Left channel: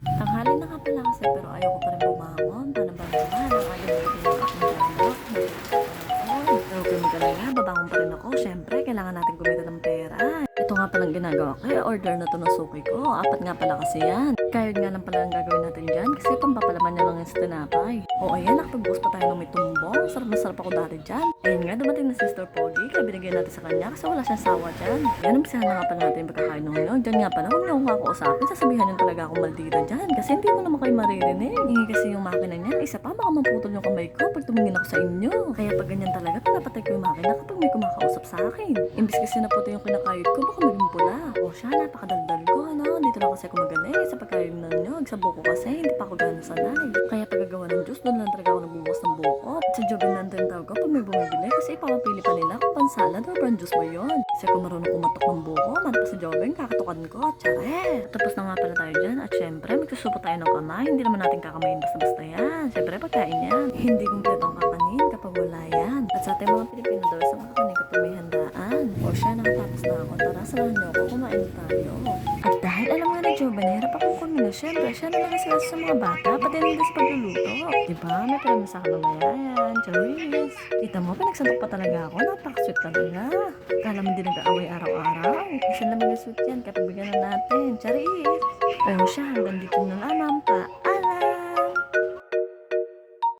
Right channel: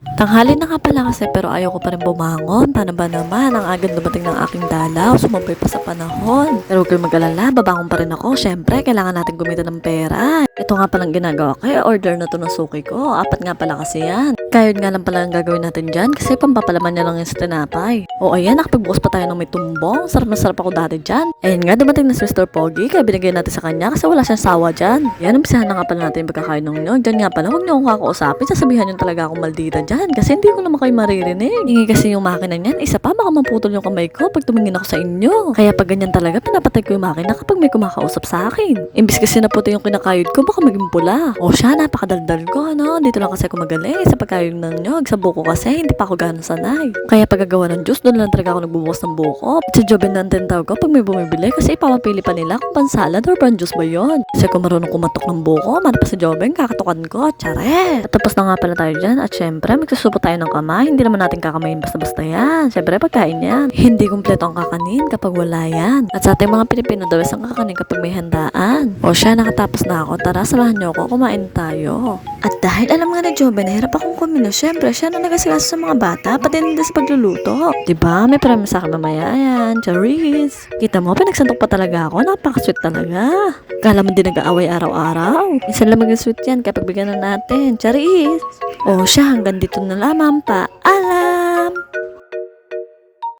Tanghali na nga pala kasi pero ayaw ko pa rin bumangon. Paano ba naman? Ang agad dumating ng aking dalaw. Sumabay pa sa panahon. Pero huwag kayong mag-alala, babangon pa rin ako. Siyempre, kailangan natin kumita ng pera. Ito nga palang ginagawa ko. Order na to ng suki ko. 4 nga pala kasi yan. Kayod nga lang pala ang gagawin natin dyan kasi pampapalaman niya lang yung sa tinapay. O ayan, nakapagbukas pa tayo ng may tumbong. Sarap na sarap ako dati dyan. Ayan nga, dumating na si Mr. Pogi. Kaya binigay natin sa kanya kasi wala siyang sawa dyan. Yan, umpisahan na nga pala natin yung pagkakain ng nyo. Dyan nga pala, huwag niyo akong kakausapin. Sasabihan niyo talaga akong maldita dyan kasi hindi ko naman kayo maririnig. Hingi kasi yung makina niyan. Isa pa, baka maputol yung kamay ko pag tumingin ako sa inyo. Kaya pag ganyan talaga, pinapatay ko yung makina kapag may kumakausap sa akin. Imbis kasi na puti yung kinakayod ko, baka maging pula. O siya, napakadaldal ko, no? Dito lang kasi ako magaling sa pagkayod ng nyog. Sa buko kasi, hindi pa ako gano'n sanay. Kaya pagkagawa ng juice, doon lang talaga ako nagbubukas ng buko. At sa Joben natin tawag ko pag may bumibili kasi ipapapili pa nila kung pan-salad or pan-juice ba yun. Kasi kung marunong kumatok ng buko, man pa sa Joben, kakatukan ko. Tsare! At tapos na nga pala tayo dyan. At syempre, magsusupo tayo ng kamay. Hindi naman natin kakamayin basta-basta yan. Syempre, pagkain yan. Hindi kumpleto ang kakanin kapag wala yan. At sa ating mga Pilipino daw, isang kakanin kapag may handaan. O siya, nakatapos na ako. Tara, samahan niyo ako. Kumain tayo. At dahil alam nga na Joben, nahirap akong kumino. Syempre, siya na nagasigaso sa mga bata, pati nila sa pagluluto. Diba? May parami sa akin mamaya yan. Charis! Kita mo, pinagsantok pa talaga ako. Napaka-sweet talaga. Kala mo din nag-aaway araw-araw. Isa lang mag-sweet yan kapag bigyan na natin. Charis! O siya, hanggang dito na lamang pa. Ala!